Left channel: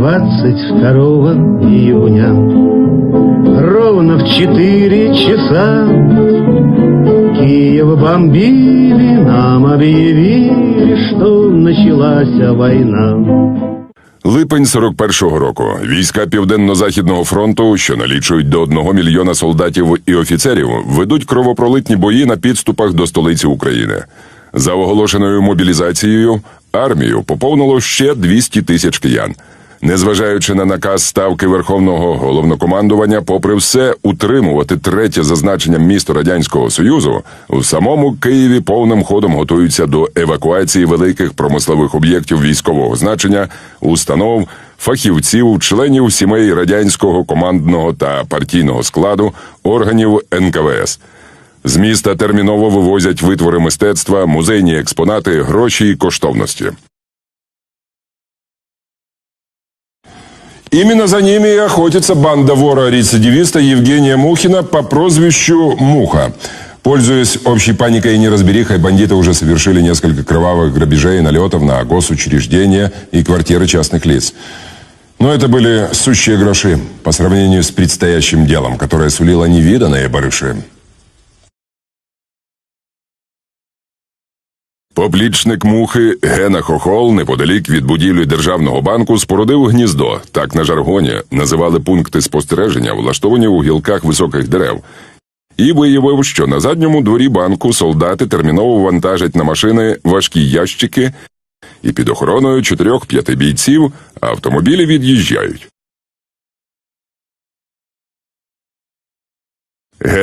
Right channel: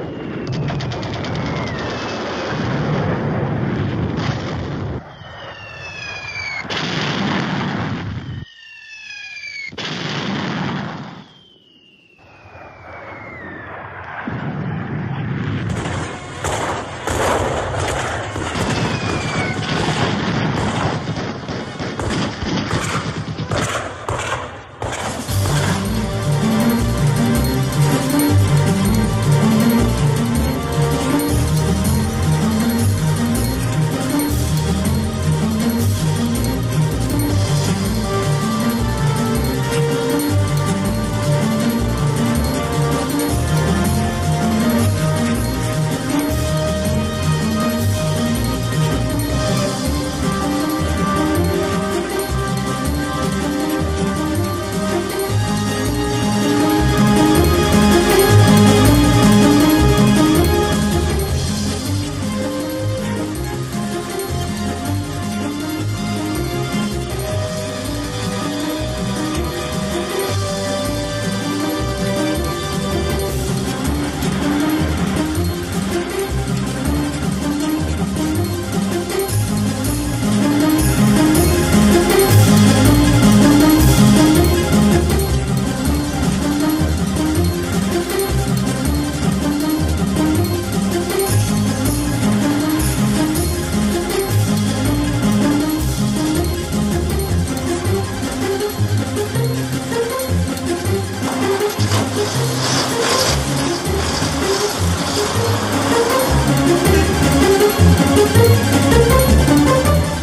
22 июня Ровно в 4 часа Киев бомбили, нам объявили, что началась война. Липень 41-го року. Війська Південно-Західного фронту, що налічують до одного мільйона солдатів і офіцерів, ведуть кровопролитні бої на підступах до столиці України. За оголошеною мобілізацією, армію поповнило ще 200 тисяч киян. Незважаючи на наказ ставки Верховного головнокомандування, попри все утримувати третє зазначення міста Радянського Союзу, у самому Києві повним ходом готуються до евакуації великих промислових об'єктів військового значення, установ, фахівців, членів сімей радянського командного та партійного складу, органів НКВС. З міста терміново вивозять витвори мистецтва, музейні експонати, гроші і коштовності. Именно за ними и охотится банда вора-рецидивиста Евгения Мухина по прозвищу Муха. Пользуясь общей паникой и неразберихой, бандиты уже совершили несколько кровавых грабежей и налетов на госучреждения и квартиры частных лиц. Но это были сущие гроши по сравнению с предстоящим делом, которое сулило невиданные барыши. Поплічник мухи Гена Хохол неподалік від будівлі державного банку спорудив гніздо. Так на жаргоні називали пункти спостереження, влаштовані у гілках високих дерев. І виявив, що на задньому дворі банку солдати терміново вантажать на машини важкі ящики, і під охороною чотирьох-п'яти бійців автомобілі від'їжджають.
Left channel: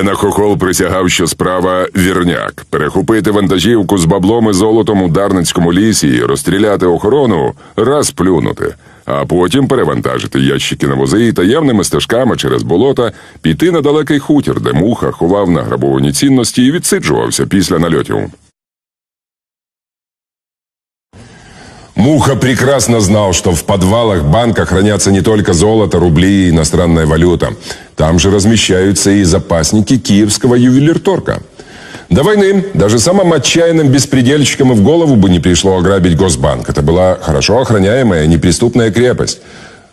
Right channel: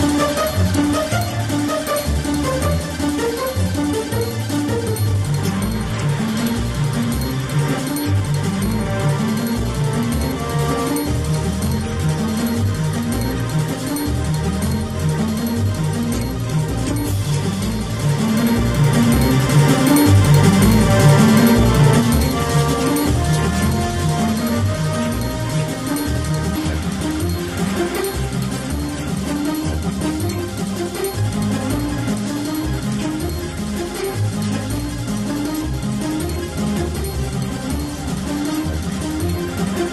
Гена Хохол присягав, що справа вірняк. Перехопити вантажівку з баблом і золотом у Дарницькому лісі і розстріляти охорону раз плюнути. А потім перевантажити ящики на вози і таємними стежками через болота піти на далекий хутір, де муха ховав награбовані цінності і відсиджувався після нальотів. Муха прекрасно знал, что в подвалах банка хранятся не только золото, рубли и иностранная валюта. Там же размещаются и запасники киевского ювелирторга. До войны даже самым отчаянным беспредельщикам и в голову бы не пришло ограбить Госбанк. Это была хорошо охраняемая, неприступная крепость.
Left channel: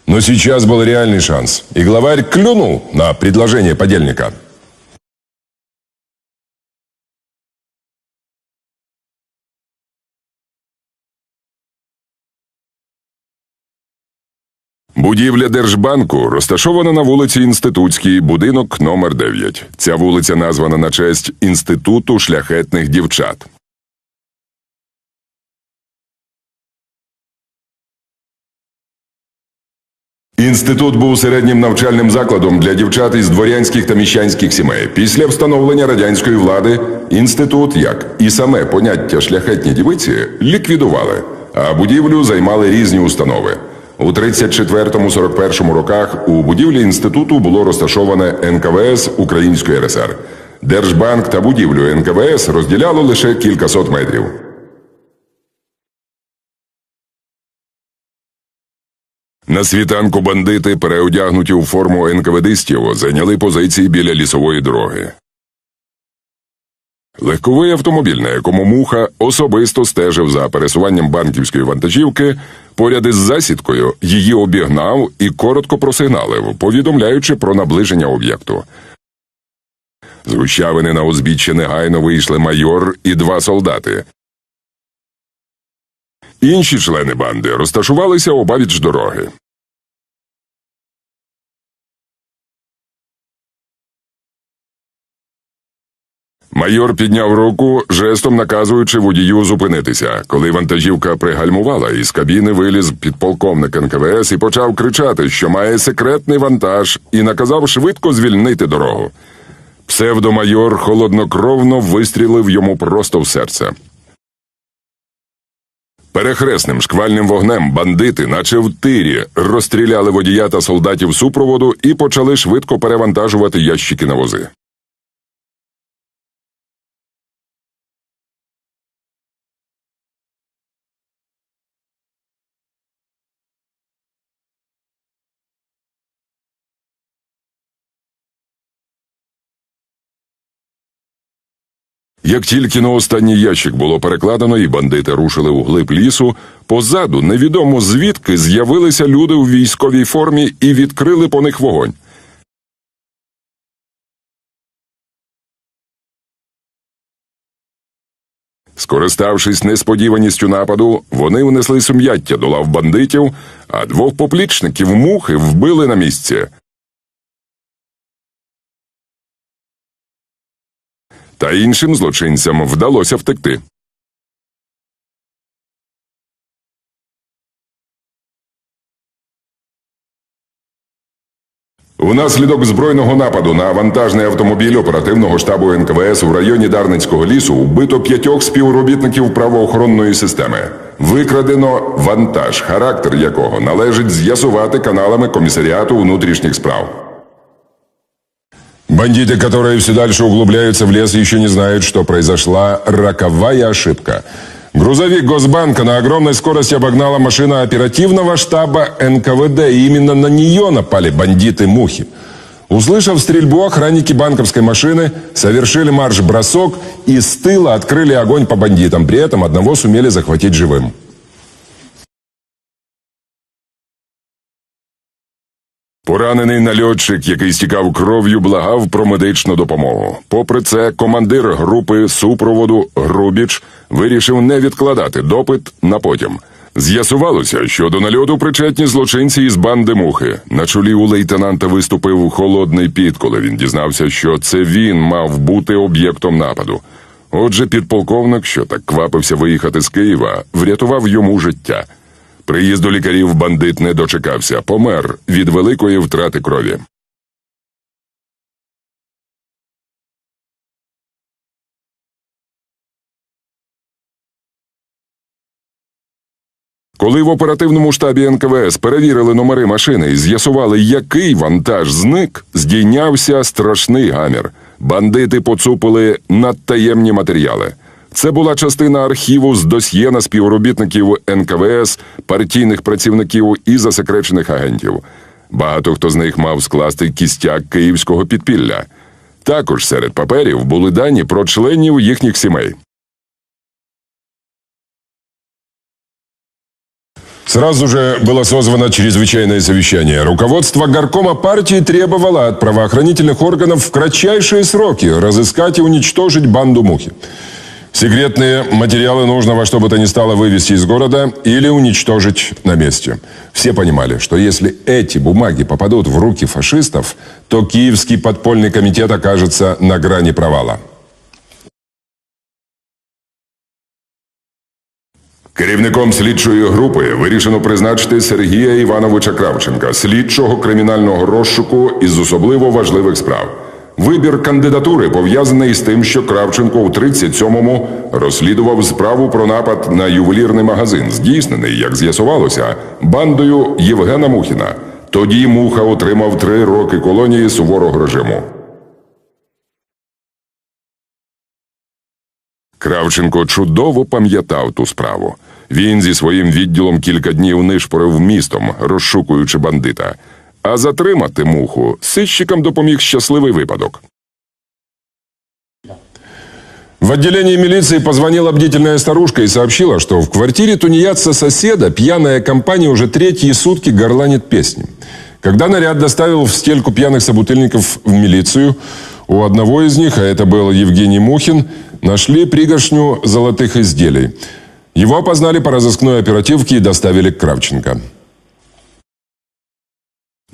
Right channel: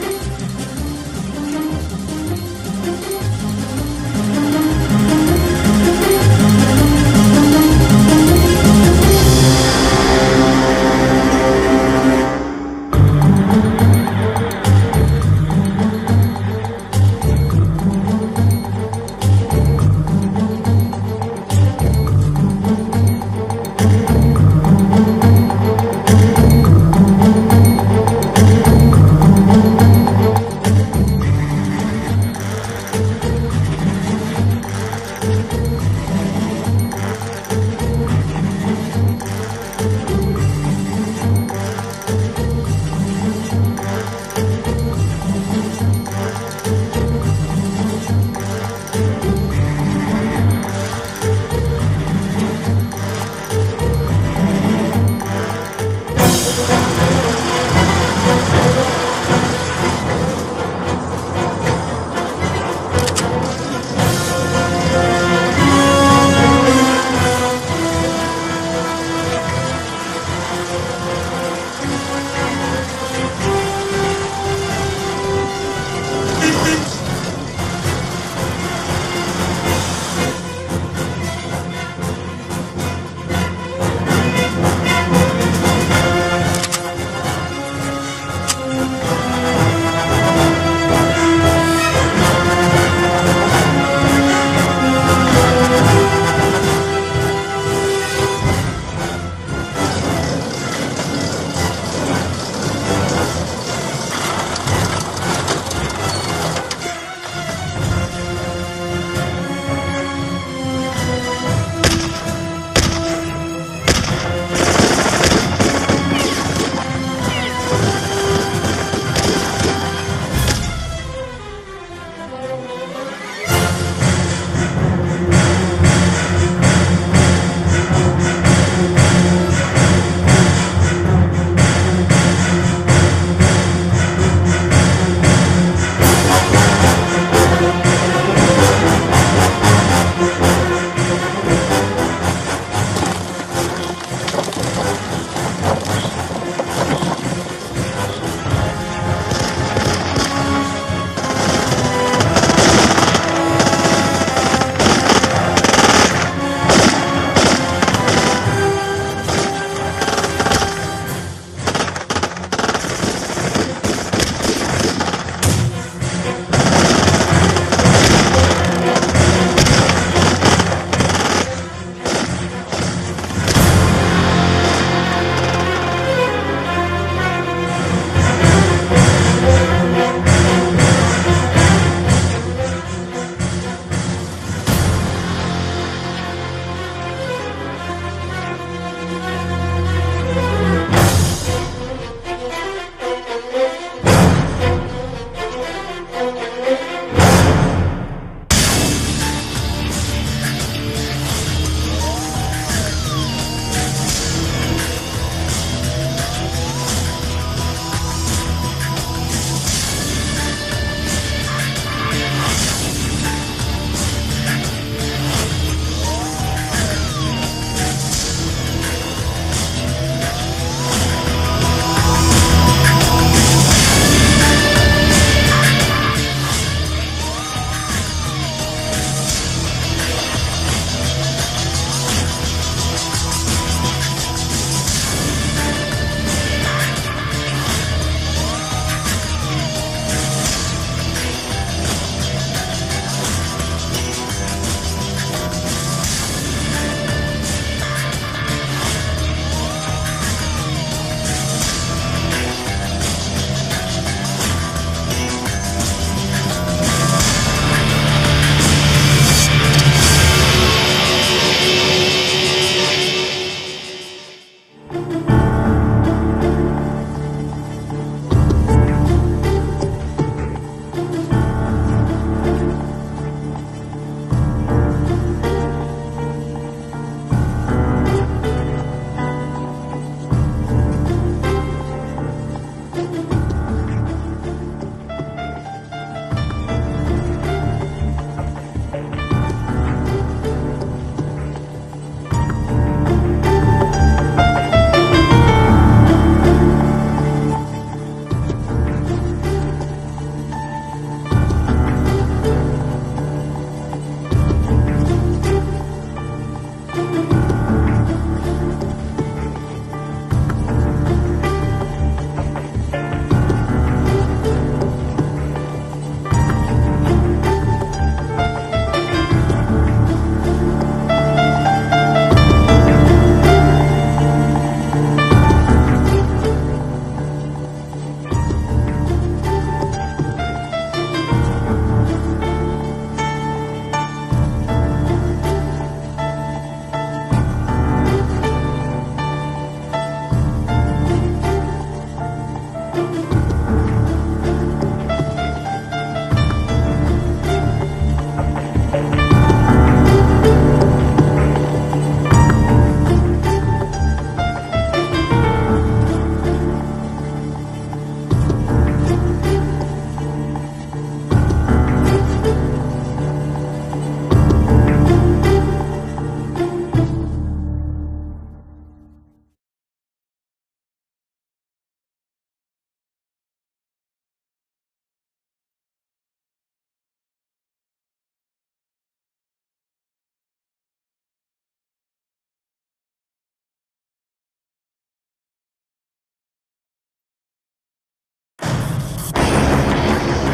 Но сейчас был реальный шанс. И главарь клюнул на предложение подельника. Будівля Держбанку розташована на вулиці Інститутській, будинок номер 9. Ця вулиця названа на честь Інституту шляхетних дівчат. Інститут був середнім навчальним закладом для дівчат із дворянських та міщанських сімей. Після встановлення радянської влади інститут, як і саме поняття шляхетні дівиці, ліквідували, а будівлю займали різні установи. У 34-41 роках у будівлі інституту було розташоване НКВС Української РСР. Держбанк та будівлю НКВС розділяло лише кількасот метрів. На світанку бандити, переодягнуті у форму НКВДистів, зайняли позиції біля лісової дороги. Легковий автомобіль, на якому муха особисто стежив за пересуванням банківської вантажівки, поряд із засідкою її обігнав і коротко просигналив, повідомляючи про наближення об'єкту. З гущавини на узбіччя негайно вийшли майор і два солдати. Інші члени банди розташувалися обабіч дороги. Підняв руку, жестом наказуючи водію зупинитися. Коли вантажівка пригальмувала, із кабіни виліз підполковник НКВС і почав кричати, що має секретний вантаж, і наказав швидко звільнити дорогу. Псевдомайор холоднокровно вистрілив йому просто в серце. Перехресним шквальним вогнем бандити, наче в тирі, розстріляли водія та солдатів супроводу і почали швидко перевантажувати ящики на вози. Тільки на останній ящик було перекладено, і бандити рушили у глиб лісу. Позаду невідомо звідки з'явилися люди у військовій формі і відкрили по них вогонь. Скориставшись несподіваністю нападу, вони внесли сум'яття до лав бандитів, а двох поплічників мухи вбили на місці. Та іншим злочинцям вдалося втекти. Унаслідок збройного нападу на вантажний автомобіль оперативного штабу НКВС у районі Дарницького лісу вбито п'ятьох співробітників правоохоронної системи. Викрадено вантаж, характер якого належить з'ясувати каналами комісаріату внутрішніх справ. Бандиты, которые все дальше углубляются в лес, еще не знают, что произошла роковая ошибка. Грузовик Госбанка на огромной скорости обогнала машина оперативного штаба НКВД, и именно на нее напали бандиты-мухи. Услышав стрельбу, охранники банковской машины совершили марш-бросок и с тыла открыли огонь по бандитам. При этом одного сумели захватить живым. Поранений нальотчик, який стікав кров'ю, благав про медичну допомогу. Попри це, командир групи супроводу Грубіч вирішив не відкладати допит на потім. З'ясувалося, що до нальоту причетні злочинці із банди мухи. На чолі у лейтенанта виступив холодний піт, коли він дізнався, що це він мав бути об'єктом нападу. Отже, підполковник, що так квапився виїхати з Києва, врятував йому життя. Приїзду лікарів бандит не дочекався, помер від великої втрати крові. Коли в оперативному штабі НКВС перевірили номери машини і з'ясували, який вантаж зник, здійнявся страшний гамір. Бандити поцупили надтаємні матеріали. Це була частина архіву з досьє на співробітників НКВС, партійних працівників і засекречених агентів. Багато хто з них мав скласти кістяк київського підпілля. Також серед паперів були дані про членів їхніх сімей. Сразу же было созвано чрезвычайное совещание. Руководство горкома партии требовало от правоохранительных органов в кратчайшие сроки разыскать и уничтожить банду Мухи. Секретные материалы нужно во что бы то ни стало вывести из города или уничтожить на месте. Все понимали, что если эти бумаги попадут в руки фашистов, то Киевский подпольный комитет окажется на грани провала. Керівником слідчої групи вирішено призначити Сергія Івановича Кравченка, слідчого кримінального розшуку із особливо важливих справ. Вибір кандидатури пов'язаний з тим, що Кравченко у 37-му розслідував справу про напад на ювелірний магазин, здійснений, як з'ясувалося, бандою Євгена Мухіна. Тоді Муха отримав три роки колонії суворого режиму. Кравченко чудово пам'ятав ту справу. Він зі своїм відділом кілька днів нишпорив містом, розшукуючи бандита. А затримати муху сищикам допоміг щасливий випадок. В отделении милиции позвонила бдительная старушка и сообщила, что в квартире тунеядца-соседа пьяная компания уже третьи сутки горланит песни. Когда наряд доставил в стельку пьяных собутыльников в милицию, у одного из них, а это был Евгений Мухин, нашли пригоршню золотых изделий. Его опознали по разыскной оперативке и доставили к Кравченко.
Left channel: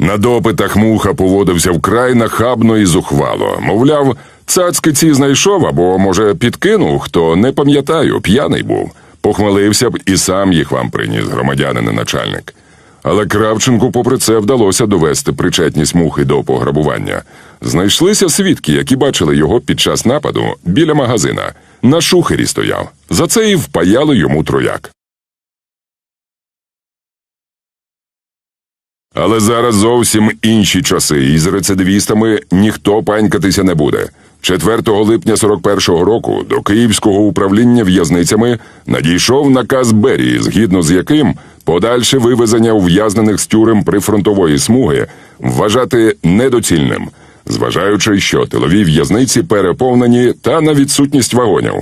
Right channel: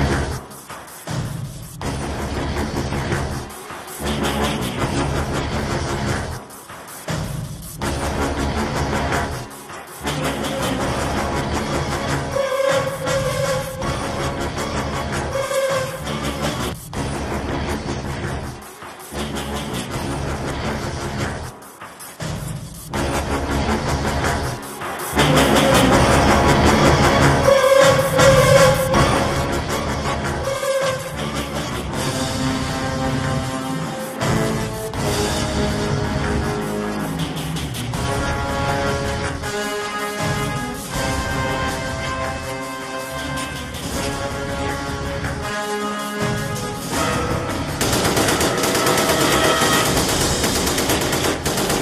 На допитах муха поводився вкрай нахабно і зухвало. Мовляв, цацки ці знайшов або, може, підкинув, хто не пам'ятаю, п'яний був. Похмелився б і сам їх вам приніс, громадянин начальник. Але Кравченку, попри це, вдалося довести причетність мухи до пограбування. Знайшлися свідки, які бачили його під час нападу біля магазина. На шухері стояв. За це і впаяли йому трояк. Але зараз зовсім інші часи, і з рецидивістами ніхто панькатися не буде. 4 липня 41-го року до Київського управління в'язницями надійшов наказ Берії, згідно з яким подальше вивезення ув'язнених з тюрем прифронтової смуги вважати недоцільним. зважаючи, що тилові в'язниці переповнені та на відсутність вагонів.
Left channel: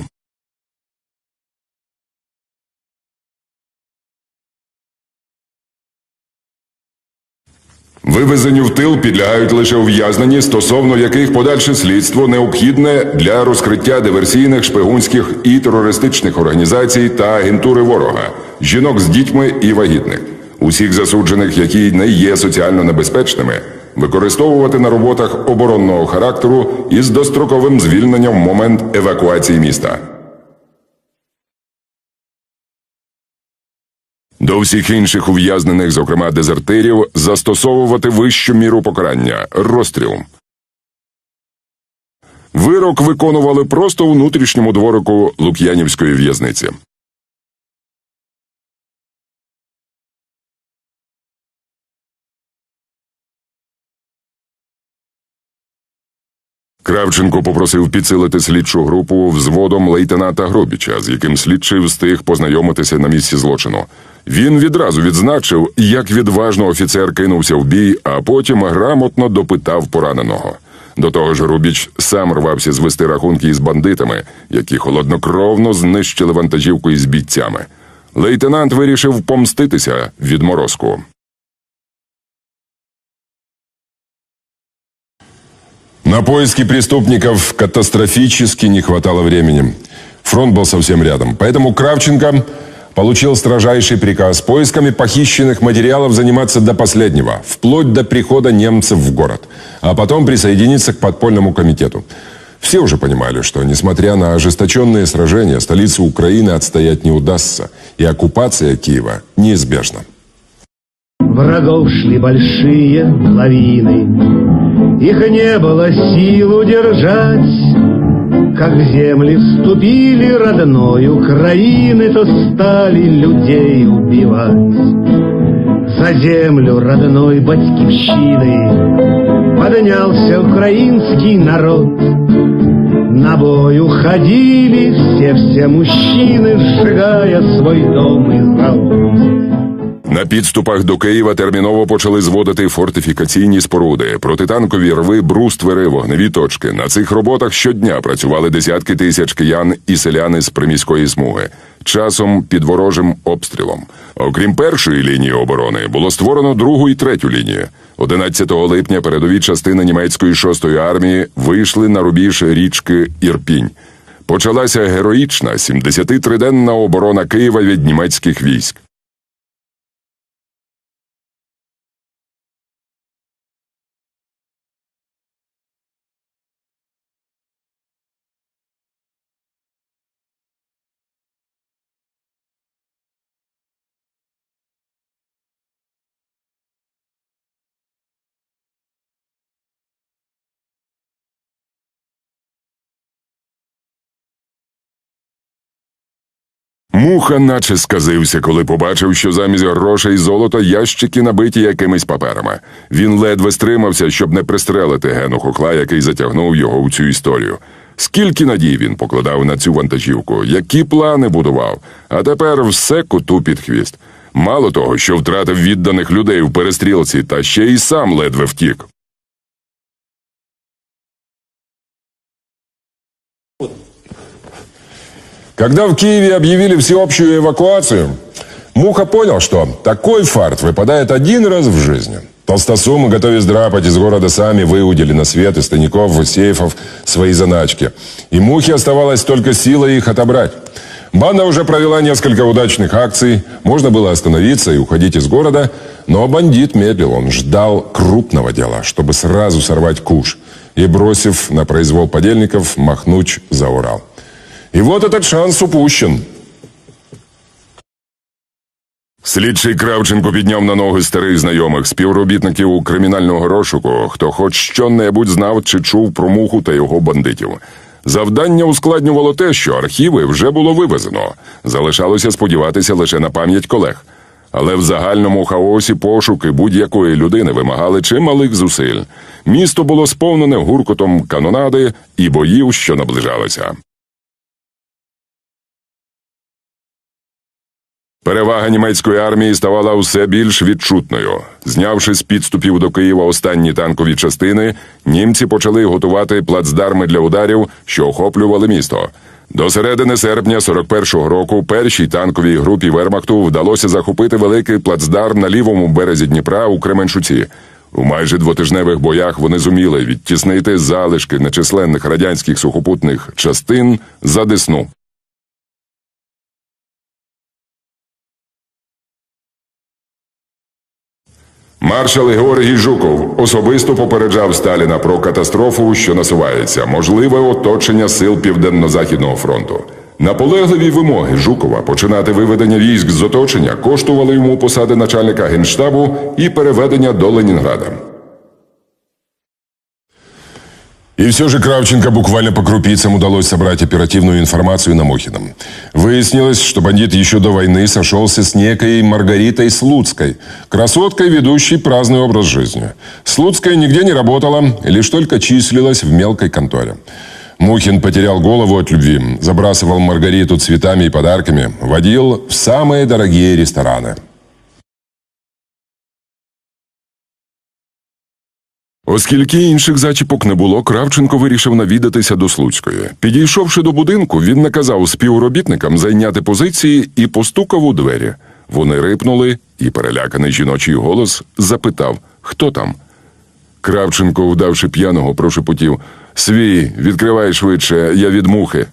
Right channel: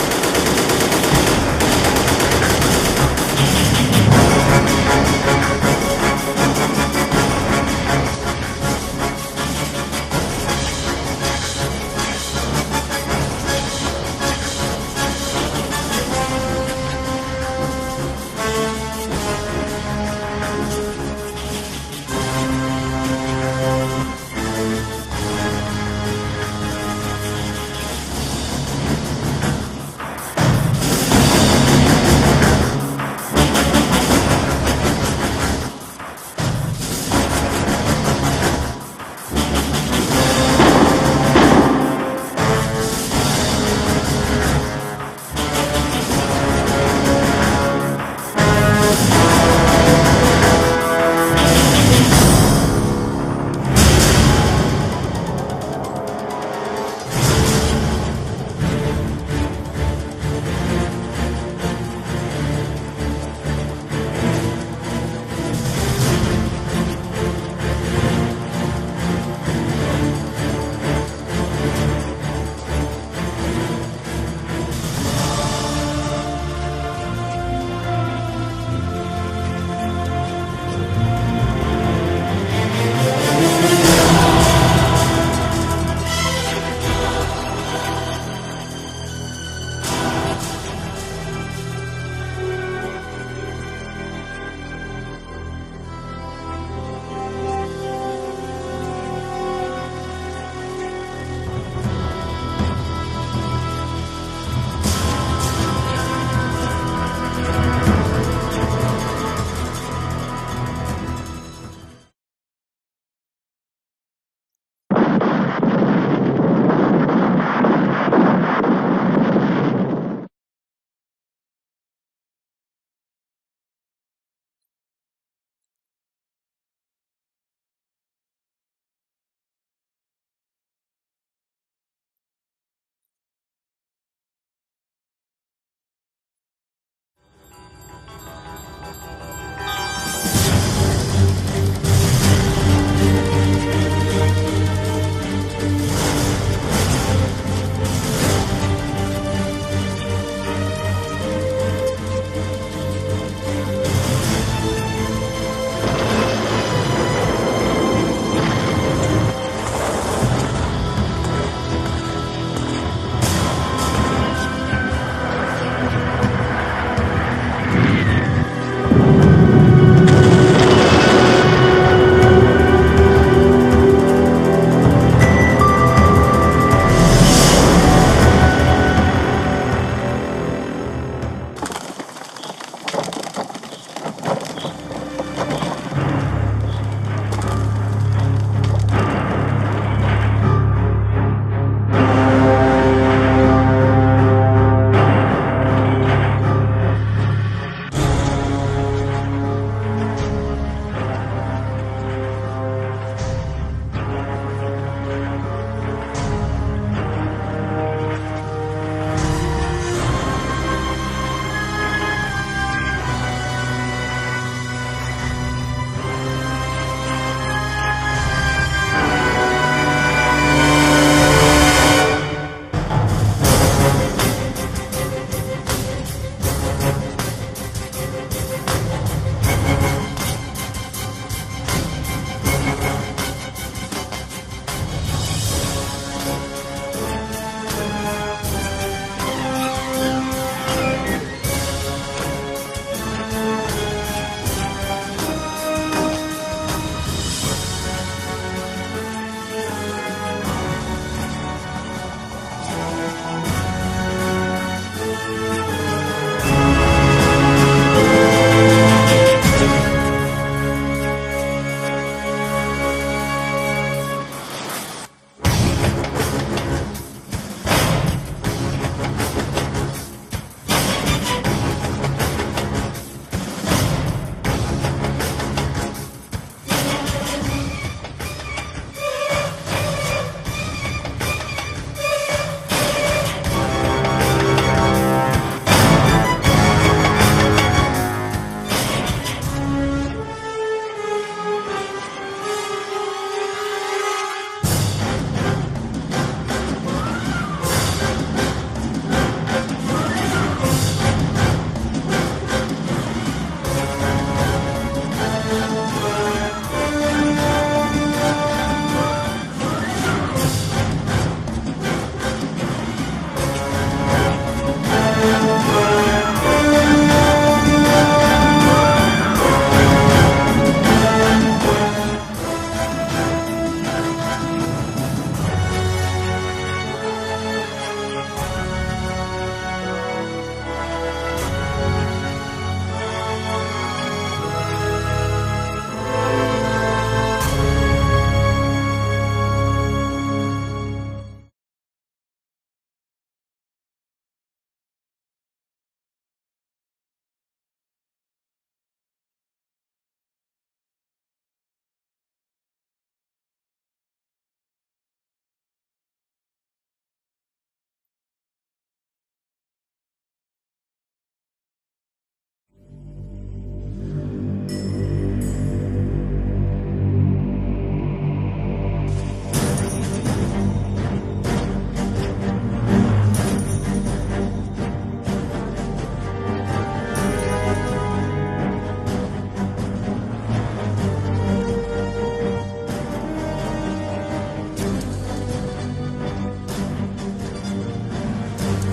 Вивезені в тил підлягають лише ув'язнені, стосовно яких подальше слідство необхідне для розкриття диверсійних, шпигунських і терористичних організацій та агентури ворога, жінок з дітьми і вагітних, усіх засуджених, які не є соціально небезпечними, використовувати на роботах оборонного характеру із достроковим звільненням в момент евакуації міста. До всіх інших ув'язнених, зокрема дезертирів, застосовувати вищу міру покарання розстріл. Вирок виконували просто у внутрішньому дворику Лук'янівської в'язниці. Кравченко попросив підсилити слідчу групу взводом лейтенанта Гробіча, з яким слідчий встиг познайомитися на місці злочину. Він відразу відзначив, як відважно офіцер кинувся в бій, а потім грамотно допитав пораненого. До того ж, Рубіч сам рвався звести рахунки із бандитами, які холоднокровно знищили вантажівку із бійцями. Лейтенант вирішив помститися від морозку. На поиски преступников катастрофически не хватало времени. Фронт был совсем рядом. Поэтому Кравченко получил строжайший приказ поисками похищенных материалов заниматься до последнего, вплоть до прихода немцев в город, а потом присоединиться к подпольному комитету. Все уже понимали, что, несмотря на ожесточенные сражения, столицу Украины отстоять не удастся, и оккупация Киева неизбежна. Врагов шли большие лавины, Их не было сил удержать. Как земли вступили родной Украины, То стали людей убивать. За землю родной батьківщини Поднялся украинский народ. На бой уходили все-все мужчины, Сжигая свой дом и завод. На підступах до Києва терміново почали зводити фортифікаційні споруди, протитанкові рви, бруствери, вогневі точки. На цих роботах щодня працювали десятки тисяч киян і селяни з приміської смуги, часом під ворожим обстрілом. Окрім першої лінії оборони, було створено другу і третю лінію. 11 липня передові частини німецької шостої армії вийшли на рубіж річки Ірпінь. Почалася героїчна 73-денна оборона Києва від німецьких військ. Наче сказився, коли побачив, що замість грошей золота ящики набиті якимись паперами. Він ледве стримався, щоб не пристрелити Гену Хохла, який затягнув його у цю історію. Скільки надій він покладав на цю вантажівку, які плани будував, а тепер все коту під хвіст. Мало того, що втратив відданих людей у перестрілці, та ще й сам ледве втік. Когда в Киеве объявили всеобщую эвакуацию, Муха понял, что такой фарт выпадает один раз в жизни. Толстосумы, готовясь драпать из города, сами выудили на свет из тайников сейфов свои заначки. И Мухе оставалось только силой их отобрать. Банда уже провела несколько удачных акций, можно было остановиться и уходить из города, но бандит медлил, он ждал крупного дела, чтобы сразу сорвать куш и, бросив на произвол подельников, махнуть за Урал. И вот этот шанс упущен. Слідчий Кравченко підняв на ноги старих знайомих співробітників кримінального розшуку, хто хоч що-небудь знав чи чув про муху та його бандитів. Завдання ускладнювало те, що архіви вже було вивезено. Залишалося сподіватися лише на пам'ять колег. Але в загальному хаосі пошуки будь-якої людини вимагали чималих зусиль. Місто було сповнене гуркотом канонади і боїв, що наближалися. Перевага німецької армії ставала усе більш відчутною. Знявши з підступів до Києва останні танкові частини, німці почали готувати плацдарми для ударів, що охоплювали місто. До середини серпня 41-го року першій танковій групі Вермахту вдалося захопити великий плацдарм на лівому березі Дніпра у Кременчуці. У майже двотижневих боях вони зуміли відтіснити залишки нечисленних радянських сухопутних частин за Десну. Маршал Георгій Жуков особисто попереджав Сталіна про катастрофу, що насувається, можливе оточення сил Південно-Західного фронту. Наполегливі вимоги Жукова починати виведення військ з оточення коштували йому посади начальника генштабу і переведення до Ленінграда. И все же Кравченко буквально по крупицам удалось собрать оперативную информацию на Мохином. Выяснилось, что бандит еще до войны сошелся с некой Маргаритой Слуцкой, красоткой, ведущей праздный образ жизни. Слуцкая нигде не работала, лишь только числилась в мелкой конторе. Мухин потерял голову от любви, забрасывал Маргариту цветами и подарками, водил в самые дорогие рестораны. Оскільки інших зачіпок не було, Кравченко вирішив навідатися до Слуцької. Підійшовши до будинку, він наказав співробітникам зайняти позиції і постукав у двері. Вони рипнули, і переляканий жіночий голос запитав, хто там. Кравченко, вдавши п'яного, прошепотів: Свій, відкривай швидше, я від мухи.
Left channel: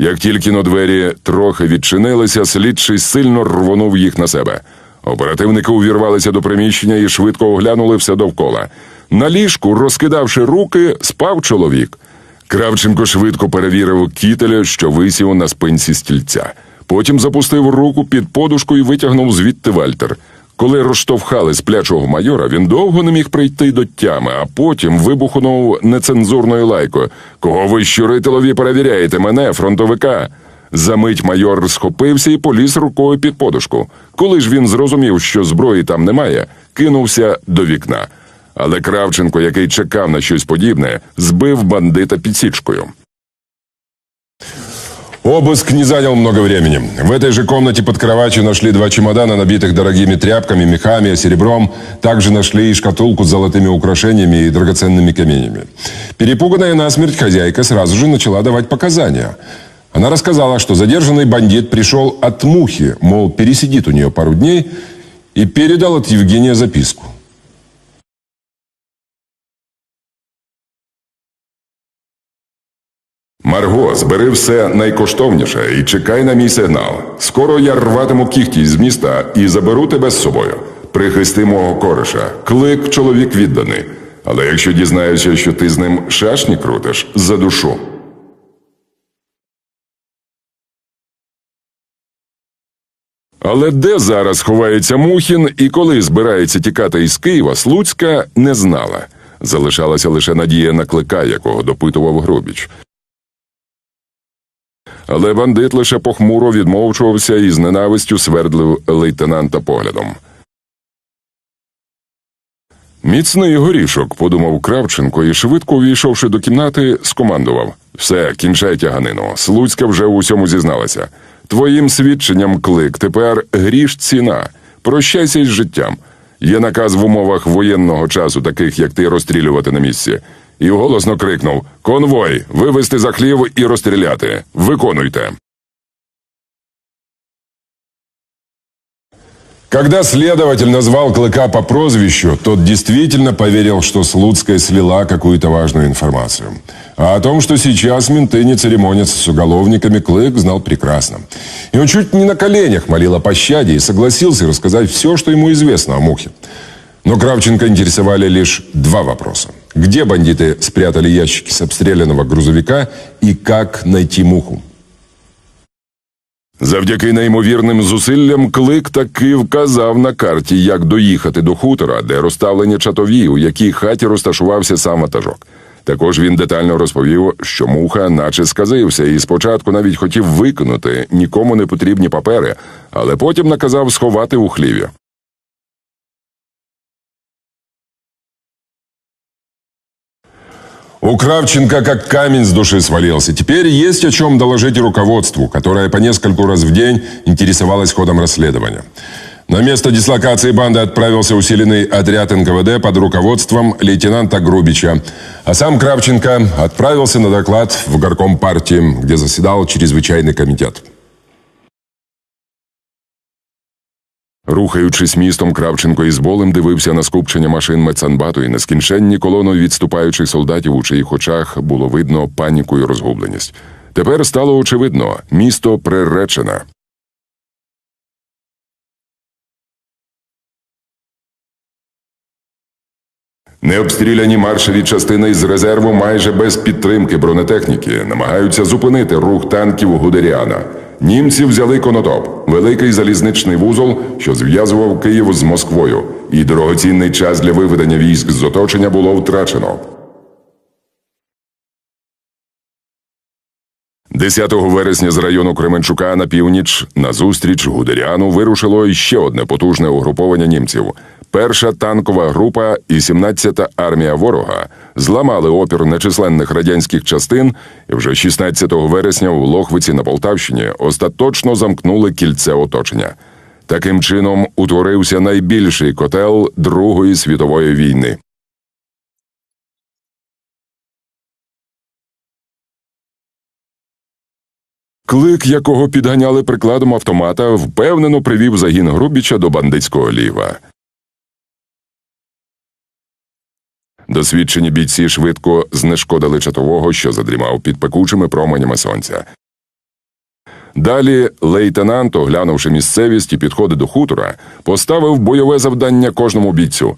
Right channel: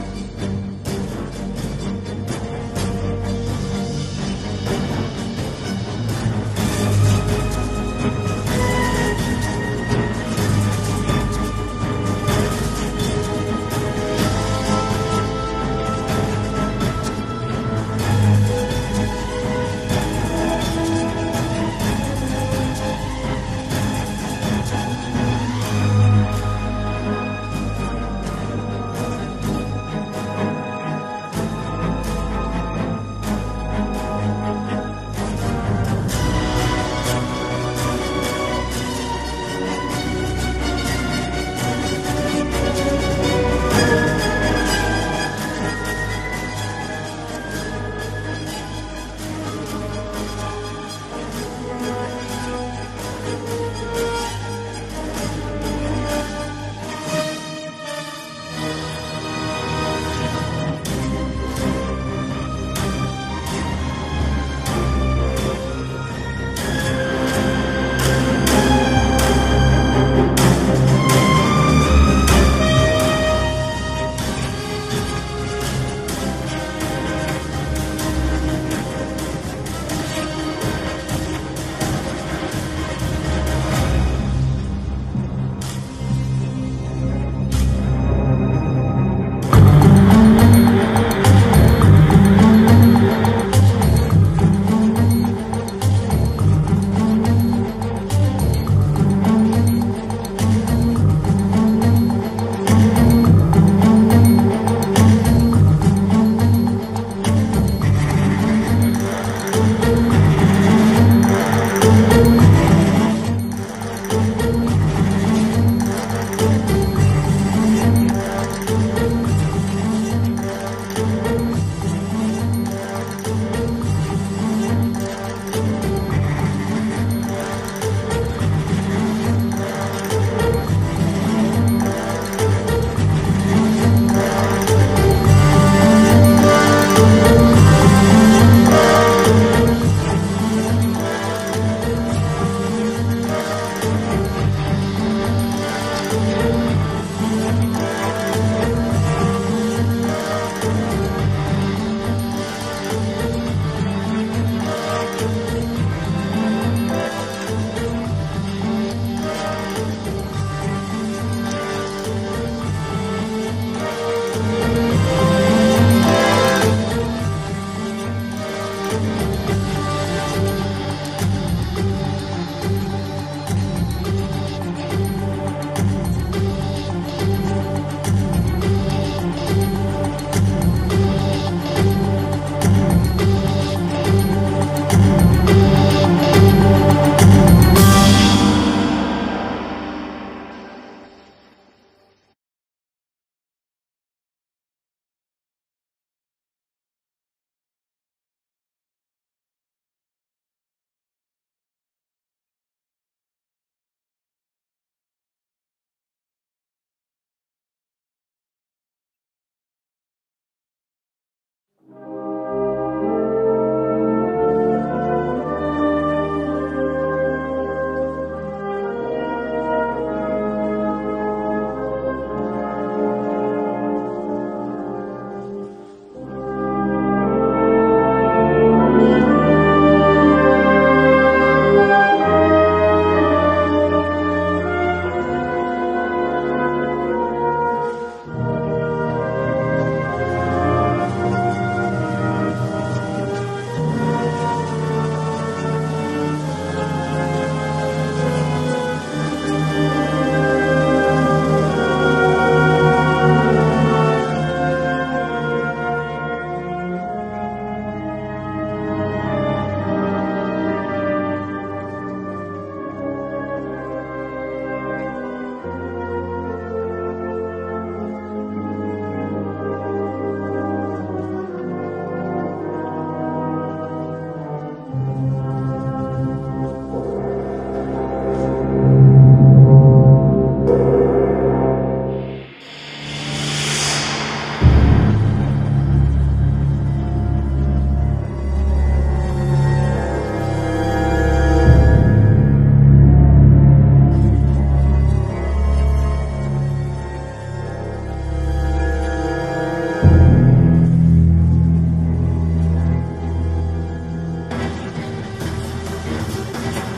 Як тільки но двері трохи відчинилися, слідчий сильно рвонув їх на себе. Оперативники увірвалися до приміщення і швидко оглянули все довкола. На ліжку, розкидавши руки, спав чоловік. Кравченко швидко перевірив кітеля, що висів на спинці стільця. Потім запустив руку під подушку і витягнув звідти Вальтер. Коли розштовхали сплячого майора, він довго не міг прийти до тями, а потім вибухнув нецензурною лайкою. Кого ви щурителові перевіряєте мене, фронтовика? Замить майор схопився і поліз рукою під подушку. Коли ж він зрозумів, що зброї там немає, кинувся до вікна. Але Кравченко, який чекав на щось подібне, збив бандита підсічкою. Обыск не занял много времени. В этой же комнате под кроватью нашли два чемодана, набитых дорогими тряпками, мехами, серебром. Также нашли и шкатулку с золотыми украшениями и драгоценными каменями. Перепуганная насмерть хозяйка сразу же начала давать показания. Она рассказала, что задержанный бандит пришел от мухи, мол, пересидит у нее пару дней, и передал от Евгения записку. Марго, збери все найкоштовніше і чекай на мій сигнал. Скоро я рватиму кіхті з міста і заберу тебе з собою. Прихисти мого кореша. Клик чоловік відданий. Але якщо дізнаюся, що ти з ним шашні крутиш, задушу. Але де зараз ховається Мухін і коли збирається тікати із Києва, Слуцька не знала. Залишалася лише надія на клика, якого допитував Грубіч. Але бандит лише похмуро відмовчувався і з ненавистю свердлив лейтенанта поглядом. Міцний горішок, подумав Кравченко і швидко увійшовши до кімнати, скомандував: все, кінчай тяганину. Слуцька вже у всьому зізналася. Твоїм свідченням клик тепер гріш ціна. Прощайся із життям. Є наказ в умовах воєнного часу, таких як ти, розстрілювати на місці. І голосно крикнув: Конвой, вивести за хлів і розстріляти. Виконуйте. Когда следователь назвал Клыка по прозвищу, тот действительно поверил, что Слуцкая слила какую-то важную информацию. А о том, что сейчас менты не церемонятся с уголовниками, Клык знал прекрасно. И он чуть не на коленях молил о пощаде и согласился рассказать все, что ему известно о Мухе. Но Кравченко интересовали лишь два вопроса. Где бандиты спрятали ящики с обстрелянного грузовика и как найти Муху? Завдяки неймовірним зусиллям клик таки вказав на карті, як доїхати до хутора, де розставлені чатові, у якій хаті розташувався сам ватажок. Також він детально розповів, що муха наче сказився, і спочатку навіть хотів викинути нікому не потрібні папери, але потім наказав сховати у хліві. У Кравченко как камень с души свалился. Теперь есть о чем доложить руководству, которое по нескольку раз в день интересовалось ходом расследования. На место дислокации банды отправился усиленный отряд НКВД под руководством лейтенанта Грубича. А сам Кравченко отправился на доклад в горком партии, где заседал чрезвычайный комитет. Рухаючись містом, Кравченко із болем дивився на скупчення машин медсанбату і нескінченні колони відступаючих солдатів, у чиїх очах було видно паніку і розгубленість. Тепер стало очевидно, місто приречене. Необстріляні маршові частини з резерву майже без підтримки бронетехніки намагаються зупинити рух танків Гудеріана. Німці взяли конотоп, великий залізничний вузол, що зв'язував Київ з Москвою, і дорогоцінний час для виведення військ з оточення було втрачено. 10 вересня з району Кременчука на північ на зустріч Гудеріану вирушило іще одне потужне угруповання німців. Перша танкова група і 17-та армія ворога зламали опір нечисленних радянських частин і вже 16 вересня у Лохвиці на Полтавщині остаточно замкнули кільце оточення. Таким чином утворився найбільший котел Другої світової війни. Клик, якого підганяли прикладом автомата, впевнено привів загін Грубіча до бандитського ліва. Досвідчені бійці швидко знешкодили чатового, що задрімав під пекучими променями сонця. Далі лейтенант, оглянувши місцевість і підходи до хутора, поставив бойове завдання кожному бійцю.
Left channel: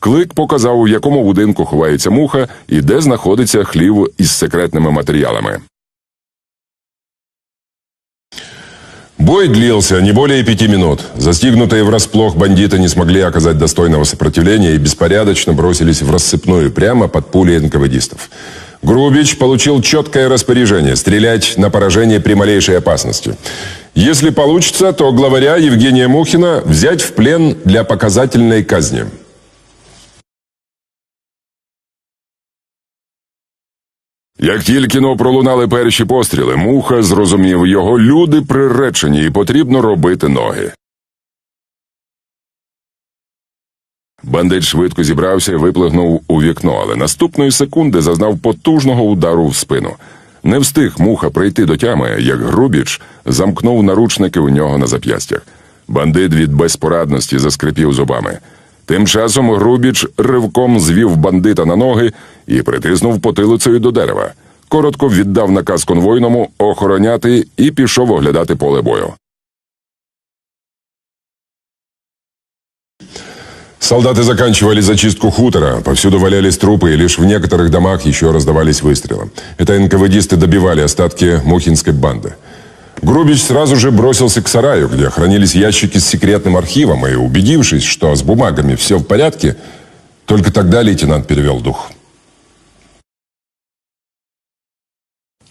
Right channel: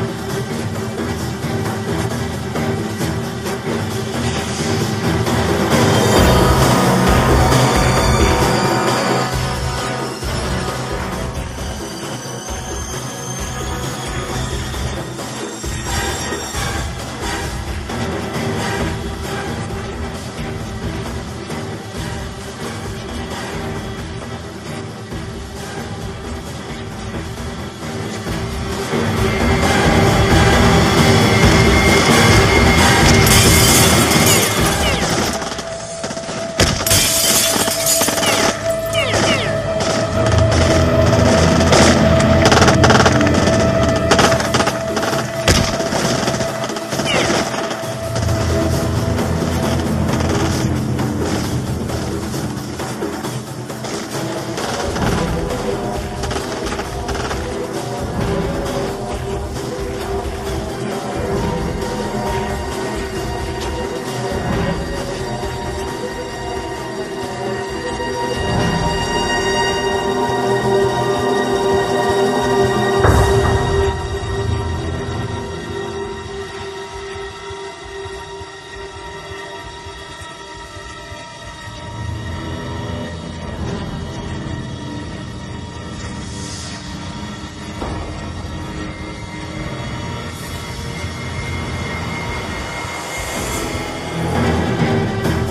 Клик показав, у якому будинку ховається муха і де знаходиться хлів із секретними матеріалами. Бой длился не более пяти минут. Застигнутые врасплох бандиты не смогли оказать достойного сопротивления и беспорядочно бросились в рассыпную прямо под пули НКВДистов. Грубич получил четкое распоряжение стрелять на поражение при малейшей опасности. Если получится, то главаря Евгения Мухина взять в плен для показательной казни. Як тільки но пролунали перші постріли, муха зрозумів, його люди приречені і потрібно робити ноги. Бандит швидко зібрався і виплигнув у вікно, але наступної секунди зазнав потужного удару в спину. Не встиг муха прийти до тями, як Грубіч замкнув наручники у нього на зап'ястя. Бандит від безпорадності заскрипів зубами. Тим часом Грубіч ривком звів бандита на ноги і притиснув потилицею до дерева. Коротко віддав наказ конвойному охороняти і пішов оглядати поле бою. Солдаты заканчивали зачистку хутора, повсюду валялись трупы, и лишь в некоторых домах еще раздавались выстрелы. Это НКВДисты добивали остатки Мухинской банды. Грубич сразу же бросился к сараю, где хранились ящики с секретным архивом, и, убедившись, что с бумагами все в порядке, только тогда лейтенант перевел дух.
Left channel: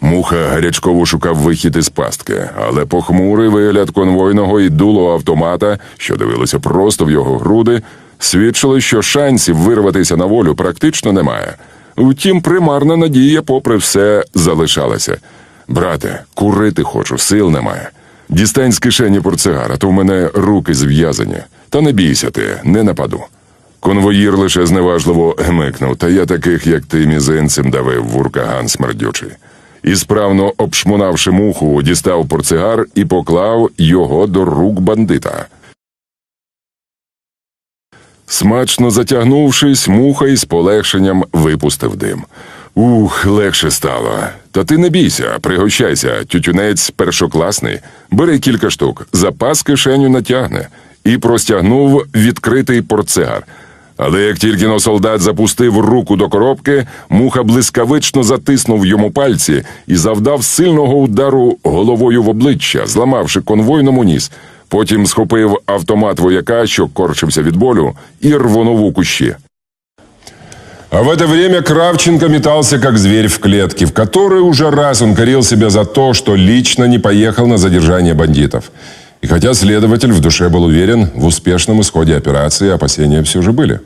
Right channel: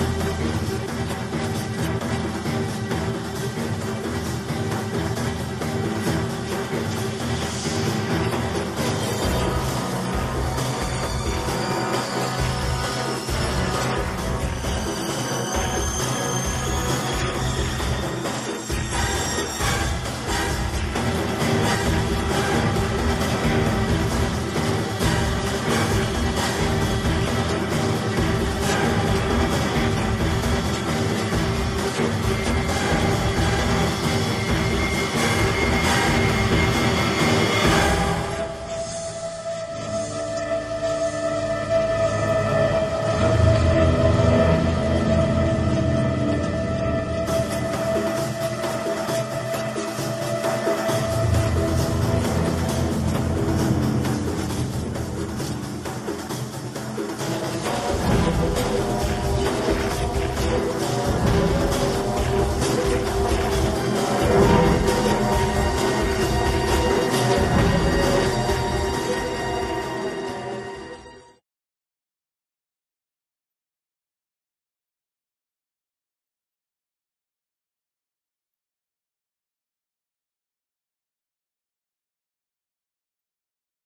Муха гарячково шукав вихід із пастки, але похмурий вигляд конвойного і дуло автомата, що дивилося просто в його груди, свідчили, що шансів вирватися на волю практично немає. Утім, примарна надія, попри все, залишалася. Брате, курити хочу, сил немає. Дістань з кишені портсигара, то в мене руки зв'язані. Та не бійся ти, не нападу. Конвоїр лише зневажливо гмикнув, та я таких, як ти, мізинцем давив в уркаган смердючий. І справно обшмунавши муху, дістав портсигар і поклав його до рук бандита. Смачно затягнувшись, муха із полегшенням випустив дим. Ух, легше стало. Та ти не бійся, пригощайся, тютюнець першокласний. Бери кілька штук, запас кишеню натягне. І простягнув відкритий портсигар. Але як тільки но солдат запустив руку до коробки, муха блискавично затиснув йому пальці і завдав сильного удару головою в обличчя, зламавши конвойному ніс. Потім схопив автомат вояка, що корчився від болю, і рвонув у кущі. А в это время Кравченко метался как зверь в клетке, в которой уже раз он корил себя за то, что лично не поехал на задержание бандитов. И хотя следователь в душе был уверен в успешном исходе операции, опасения все же были.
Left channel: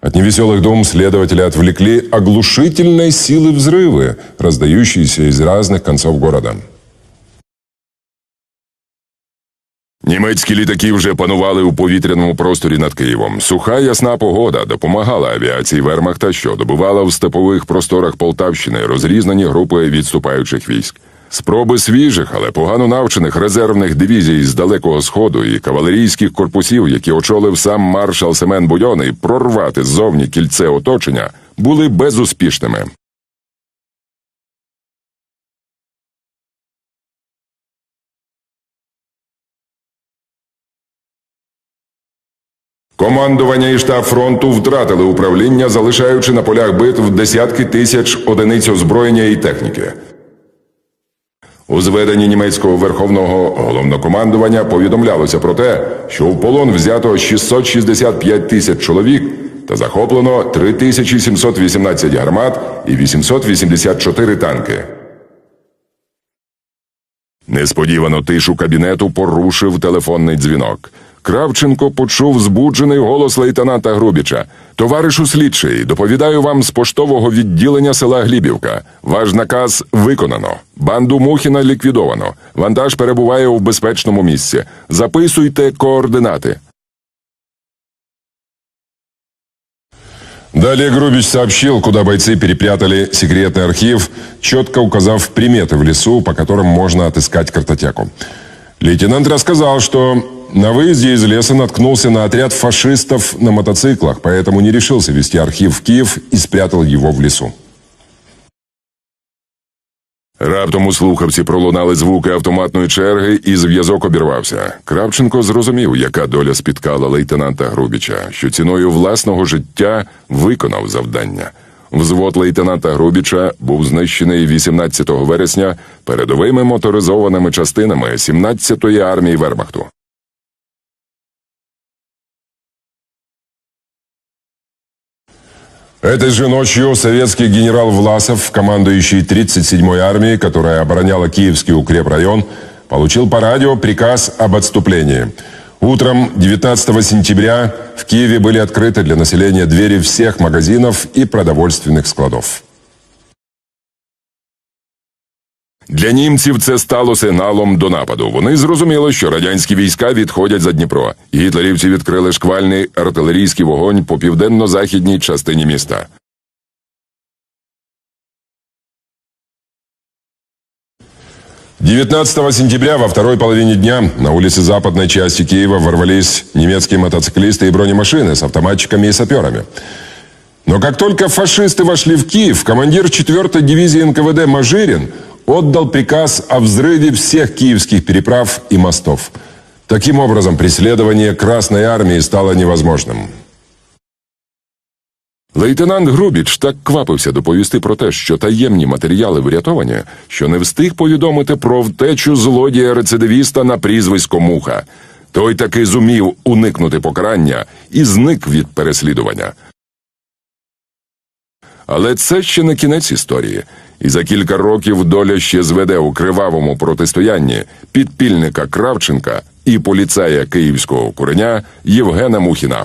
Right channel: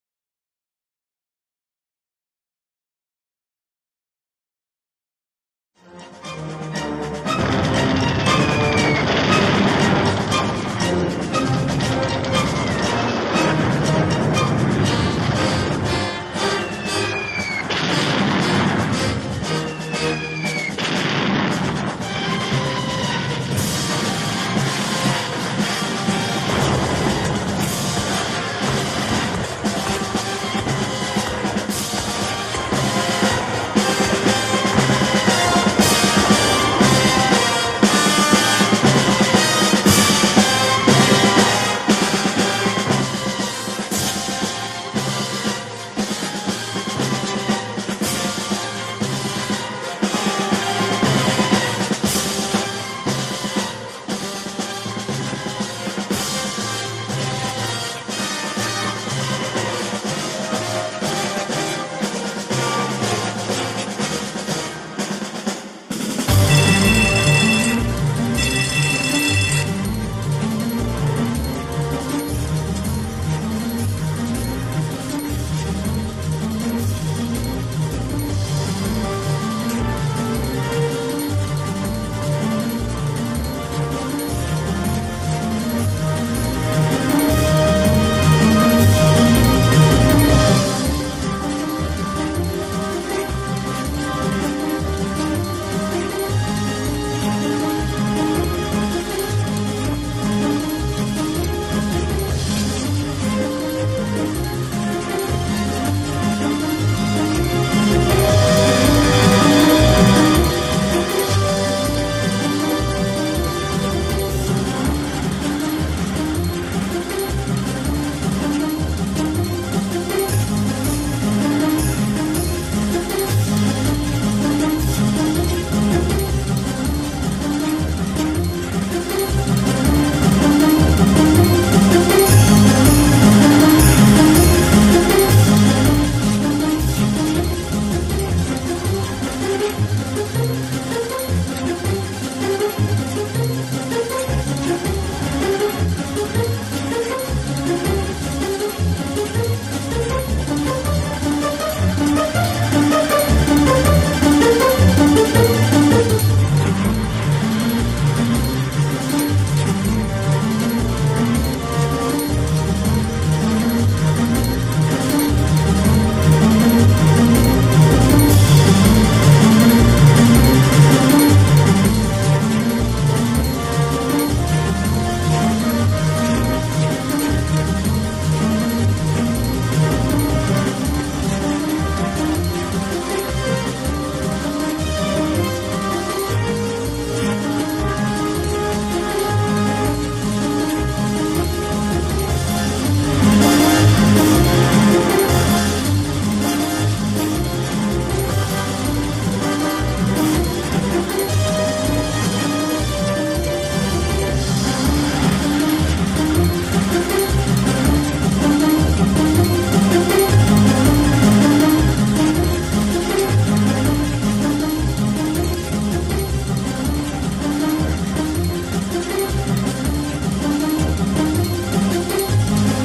От невеселых дум следователя отвлекли оглушительной силы взрывы, раздающиеся из разных концов города. Німецькі літаки вже панували у повітряному просторі над Києвом. Суха ясна погода допомагала авіації Вермахта, що добувала в степових просторах Полтавщини розрізнені групи відступаючих військ. Спроби свіжих, але погано навчених резервних дивізій з далекого сходу і кавалерійських корпусів, які очолив сам маршал Семен Будьонний, прорвати ззовні кільце оточення, були безуспішними. Командування і штаб фронту втратили управління, залишаючи на полях битв десятки тисяч одиниць озброєння і техніки. У зведенні німецького верховного головнокомандування повідомлялося про те, що в полон взято 665 тисяч чоловік та захоплено 3718 гармат і 884 танки. Несподівано тишу кабінету порушив телефонний дзвінок. Кравченко почув збуджений голос лейтенанта Грубіча. Товаришу слідчий, доповідаю вам з поштового відділення села Глібівка. Ваш наказ виконано. Банду Мухіна ліквідовано. Вантаж перебуває у безпечному місці. Записуйте координати. Далее Грубич сообщил, куда бойцы перепрятали секретный архив, четко указав приметы в лесу, по которым можно отыскать картотеку. Лейтенант рассказал, что на выезде из леса наткнулся на отряд фашистов на мотоциклах, поэтому не решился вести архив в Киев и спрятал его в лесу. Раптом у слухавці пролунали звуки автоматної черги, і зв'язок обірвався. Кравченко зрозумів, яка доля спіткала лейтенанта Грубіча, що ціною власного життя виконав завдання. Взвод лейтенанта Грубіча був знищений 18 вересня передовими моторизованими частинами 17-ї армії Вермахту. Этой же ночью советский генерал Власов, командующий 37-й армией, которая обороняла Киевский укрепрайон, получил по радио приказ об отступлении. Утром 19 сентября в Киеве были открыты для населения двери всех магазинов и продовольственных складов. Для німців це стало сигналом до нападу. Вони зрозуміли, що радянські війська відходять за Дніпро. Гітлерівці відкрили шквальний артилерійський вогонь по південно-західній частині міста. – 19 сентября во второй половине дня на улице западной части Киева ворвались немецкие мотоциклисты и бронемашины с автоматчиками и саперами. Но как только фашисты вошли в Киев, командир 4-й дивизии НКВД Мажирин отдал приказ о взрыве всех киевских переправ и мостов. Таким образом, преследование Красной Армии стало невозможным. Лейтенант Грубіч так квапився доповісти про те, що таємні матеріали врятовані, що не встиг повідомити про втечу злодія-рецидивіста на прізвисько Муха. Той таки зумів уникнути покарання і зник від переслідування. Але це ще не кінець історії. І за кілька років доля ще зведе у кривавому протистоянні підпільника Кравченка і поліцая київського куреня Євгена Мухіна.